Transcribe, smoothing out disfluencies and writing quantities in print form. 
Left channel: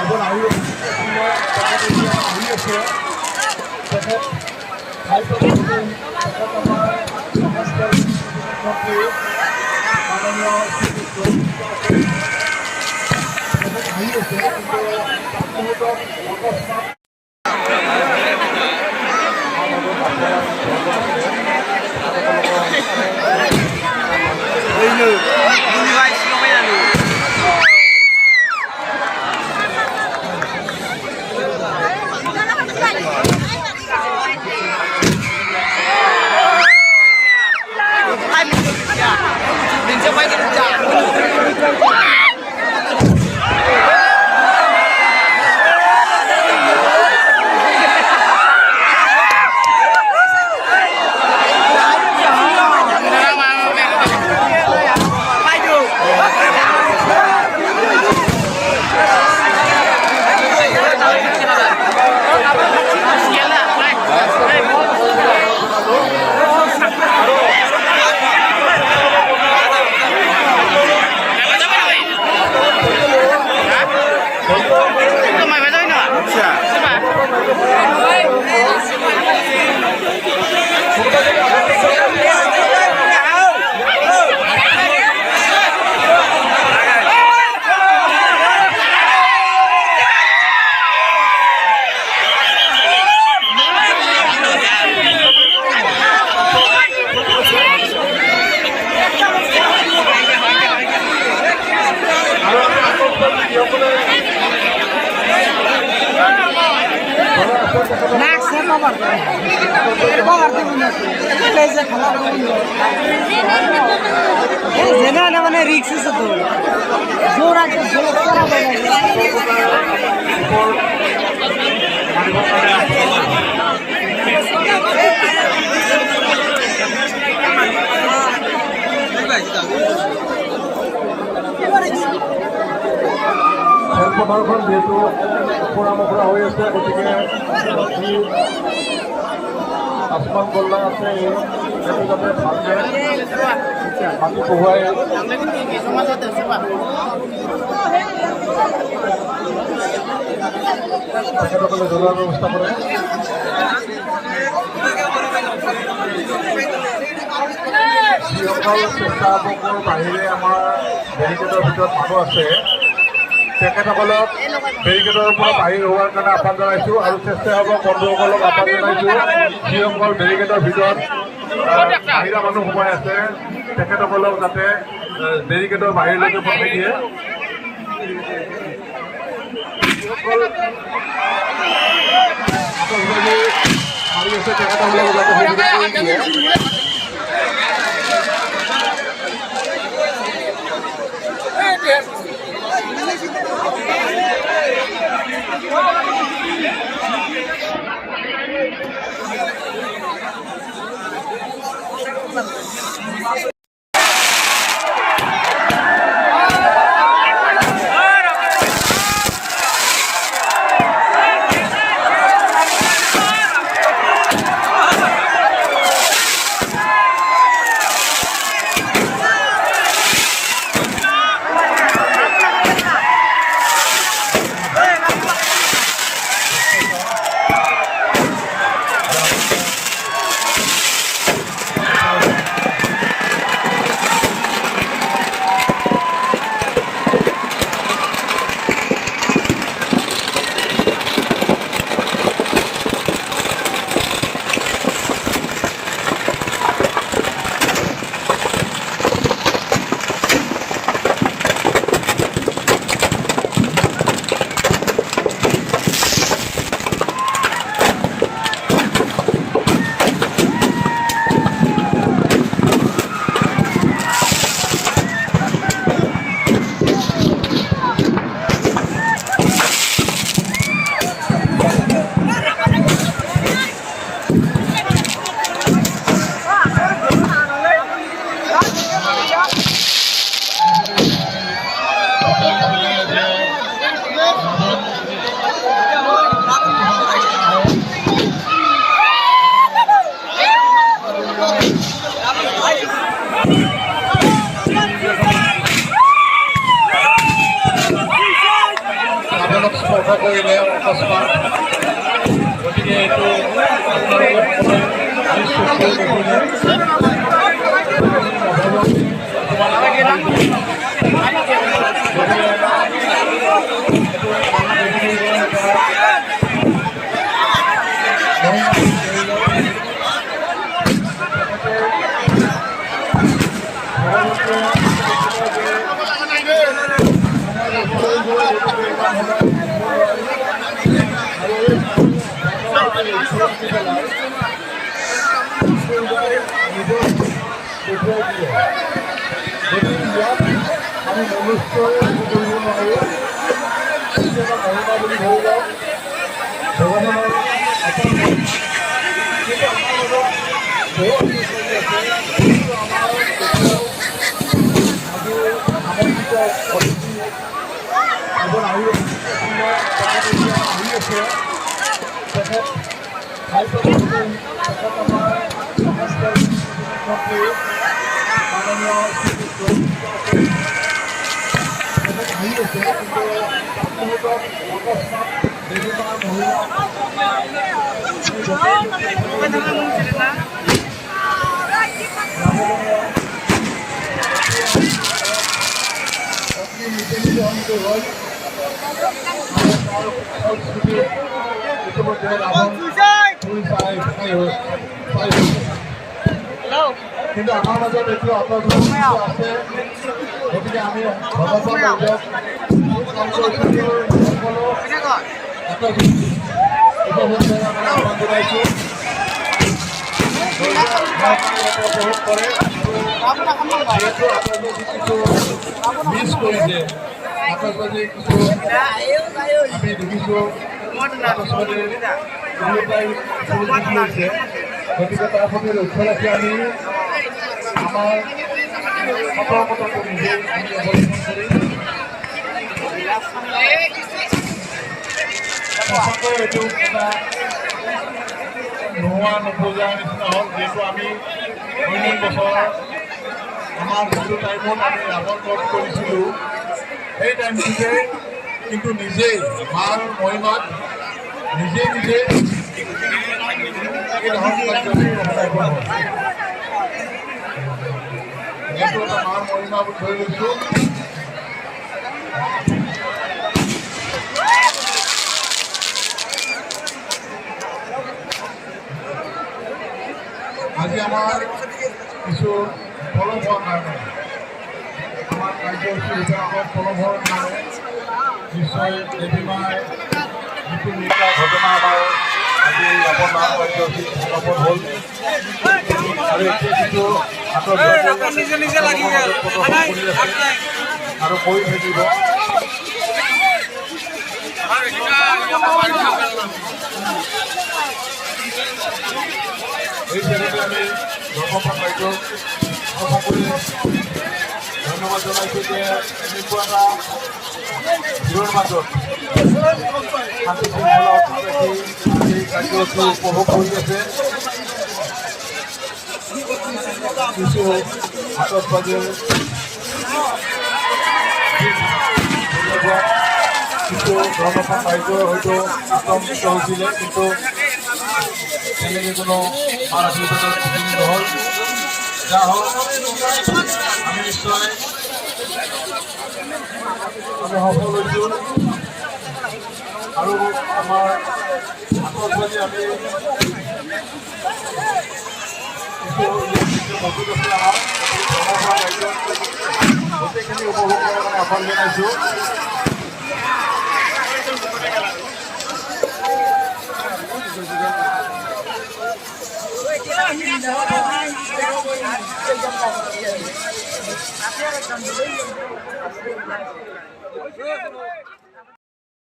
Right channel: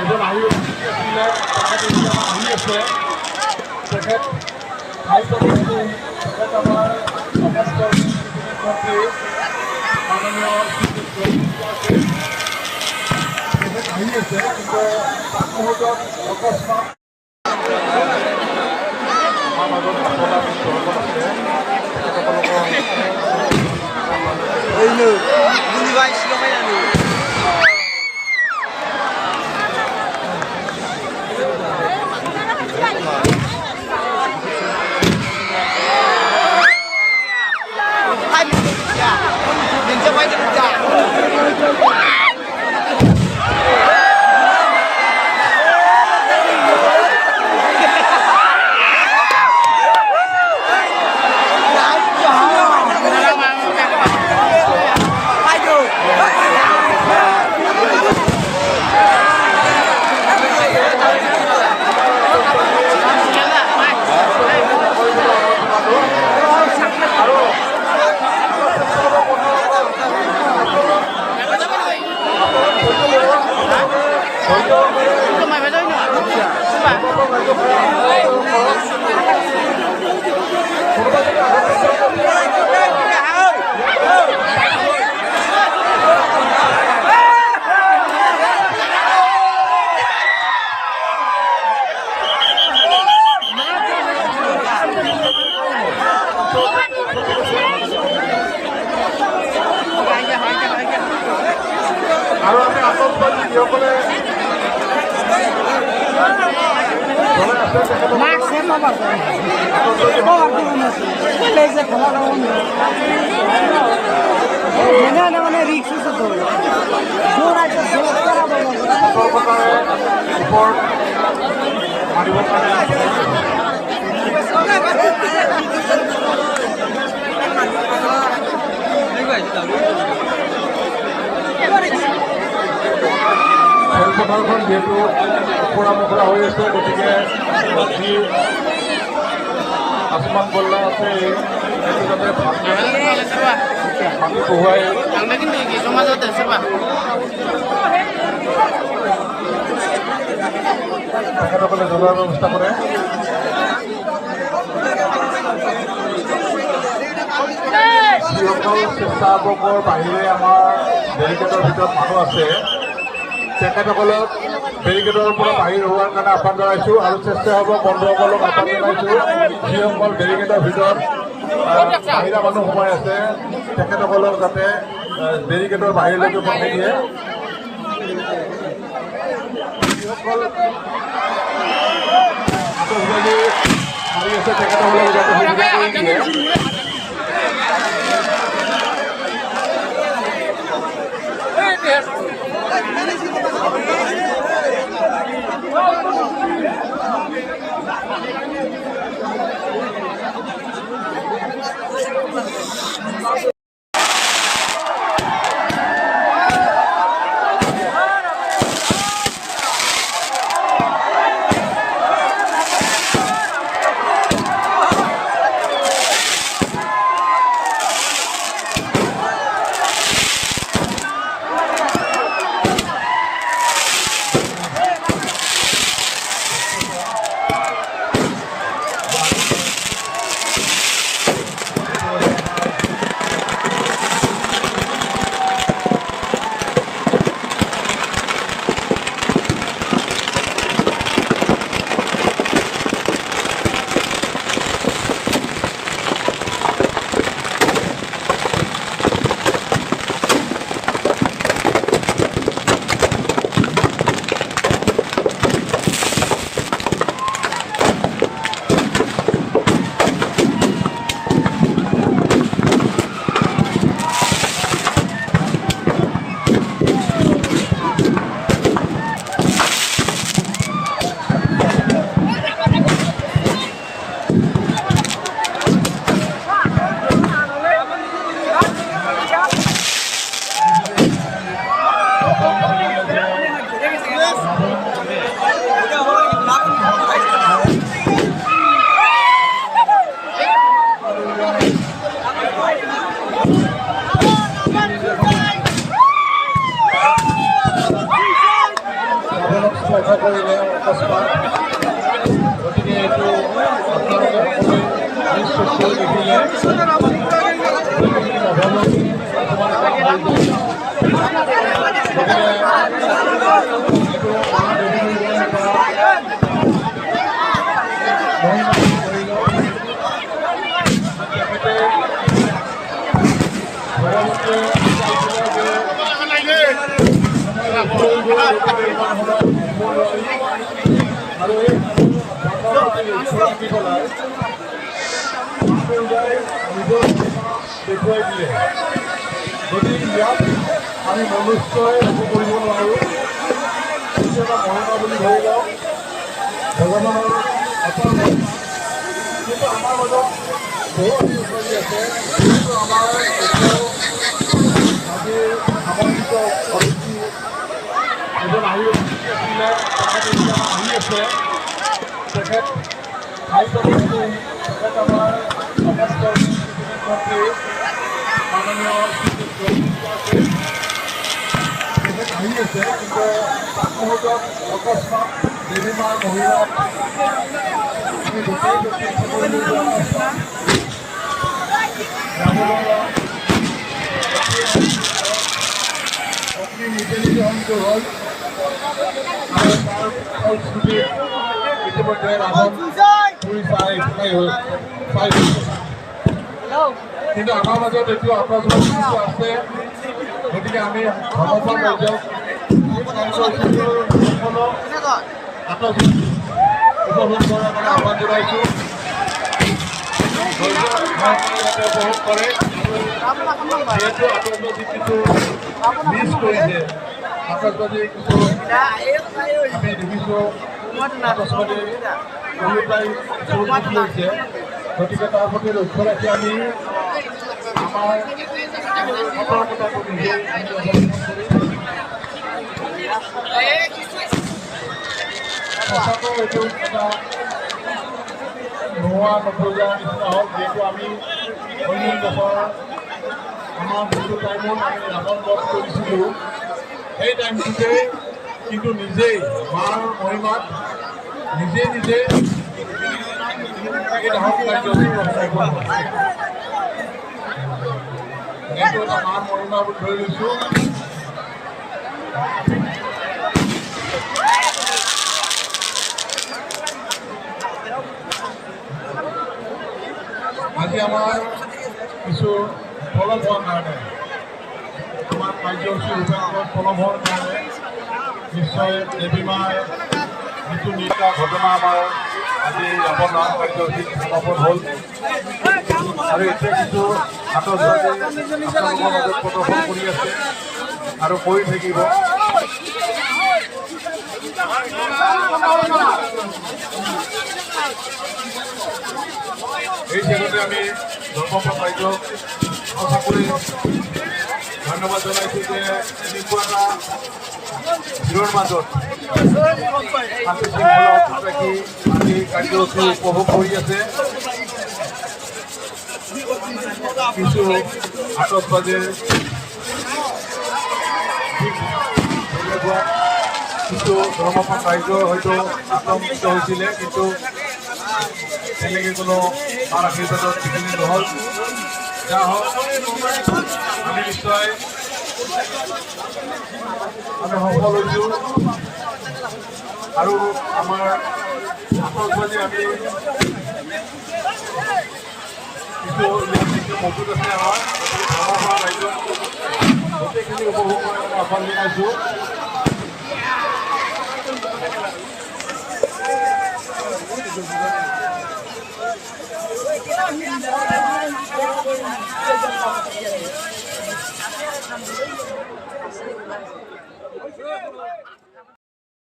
এজন আহি আছিলে তেখেত এতিয়া আহি আছে তেখেত তেখেত আমাৰ সমস্ত মন্ত্ৰী মাননীয় তেখেত আহি আছে কিন্তু তাত মুহূৰ্তত অকস্মাত আমাৰ মাজত আপোনাৰ সকল আছে আৰু আমি আতংকবাদী যিসকলে মানে ৰিক্স আছে তো খেলপথাৰখন যিহেতু ওপৰা মোখৰা হৈ আছে গতিকে যি আসমান বল্লা আছে সেইটো যাতে ভালকে পানী বহুৱাই তেখেতসকলে জ্বলোৱাৰ ব্যৱস্থা কৰে। যিসকল স্বেচ্ছাসেৱকৰ বাহিৰে আমাৰ বেৰিকেডৰ ভিতৰত মানুহ আছে তেখেতসকলক বেৰিকেডৰ পৰা বাহিৰ হোৱাৰ কাৰণে আহ্বান জনাইছোঁ আৰু স্বেচ্ছাসেৱক বন্ধুসকলক আহ্বান জনাইছোঁ যিসকল বেৰিকেডৰ ভিতৰত বাহিৰা মানুহ সোমাই আছে তেখেতসকলক যাতে বেৰিকেডৰ বাহিৰলৈকে পঠাই দিয়ে। যিসকল আতচবাজি মাৰি আছে তেখেতসকলক যাতে সুবিধা কৰি দিয়ে। স্পৰ্শ কৰিলে অকস্মাত। গতিকে এইটো আপোনালোকে সকলোৱে নিজ চকুৰে দেখিলে। দেখুৱাই দিয়ে গতিকে ইয়াত আমি মনুষ্যই একো কৰিব নোৱাৰোঁ। এইটো এটা মহিমা বুলি ধৰি লওক ভগৱানৰ অপাৰ কিন্তু আমাৰ মাজত বহুত চলি আছে যিটো আমাৰ এতিয়াও আজি আমন্ত্ৰিত অতিথি এজন আহি আছিলে তেখেত এতিয়া আহি আছে। তেখেত তেখেত আমাৰ সমাজৰ মন্ত্ৰী মাননীয় তেখেত আহি আছে কিন্তু তাত মুহূৰ্তত অকস্মাত দেৱীমাৰ মহিলাক অগ্নি নিজে নিজে অন্ত হ'ল আৰু তাৰ ফলশ্ৰুতি ইতিমধ্যে ৰাৱণ পুৰি চাই কিন্তু আমাৰ মাজত এইটো আত্মবিশ্বাস আছে। গতিকে আমি ভগৱান ৰাজ্যক সকলো উপভোগ কৰাৰ কাৰণে আহ্বান জনাইছোঁ। উপভোগ কৰে যিহেতু আতচবাজি কিছু মিছ কৰিছে। আতচবাজি কিছু আমি দেখিছোঁ আতচবাজি দুয়োটাই লৈছে। গতিকে তাৰ প্ৰতি লক্ষ্য ৰাখি আমি আমাৰ সতৰ্কতাটো নিজেই সঁচাকৈ এইটো এটা নোহোৱা নপূজাৰ নিচিনা হ'ল। যিহেতু আমি অন্য বছৰ আমাৰ যিটো টাইমত আমি ৰাৱণ বধ কৰিছিলোঁ সেই টাইমটোতে কিন্তু নিজেই মাৰ মহিমাত নিজে নিজে এইটো এটা মাৰ মহিমা বুলি ধৰি লৈছোঁ। আজি আমাৰ কিছু ফলম হোৱাৰ কাৰণে আমাৰ কাৰ্যসূচী ৰূপায়ণত ফলম হোৱাৰ কাৰণে নিশ্চয় দেৱীমাৰ যিটো নিশা ঘটনা আমাৰ আজি অৱদান কাৰ্যসূচী সমাপন হ'ল আৰু এতিয়া কিছু আতচবাজি মাজত প্ৰদৰ্শন কৰি আছে আৰু কৰি থাকিব। এই ক্ষেত্ৰতে আমি ধৰ্মপাল ৰাইজক সঁচা কৰি ধন্যবাদ জনাইছোঁ যে এনেকুৱা এটা ভিৰৰ মাজত শান্তি শৃংখলা ৰাখি এই কাৰ্যসূচী উপভোগ কৰি আছে। কিছু আতচবাজিৰ কিছু ধৰ্মপাল ৰাইজ হয়তো আতংকিত হৈছিলে কিন্তু তেনেকৈ কোনো আশীৰ্বাদত বিঘিনি নহ'ল। যা হওক আমি নিশ্চয় আমি সফল হৈছোঁ আৰু আমাৰ আতচবাজি আমি কিছু মজুত আছে আমাৰ ধৰ্মপাল ৰাইজক গোটেইখিনি উপভোগ কৰাৰ কাৰণে আহ্বান জনাইছোঁ। Good.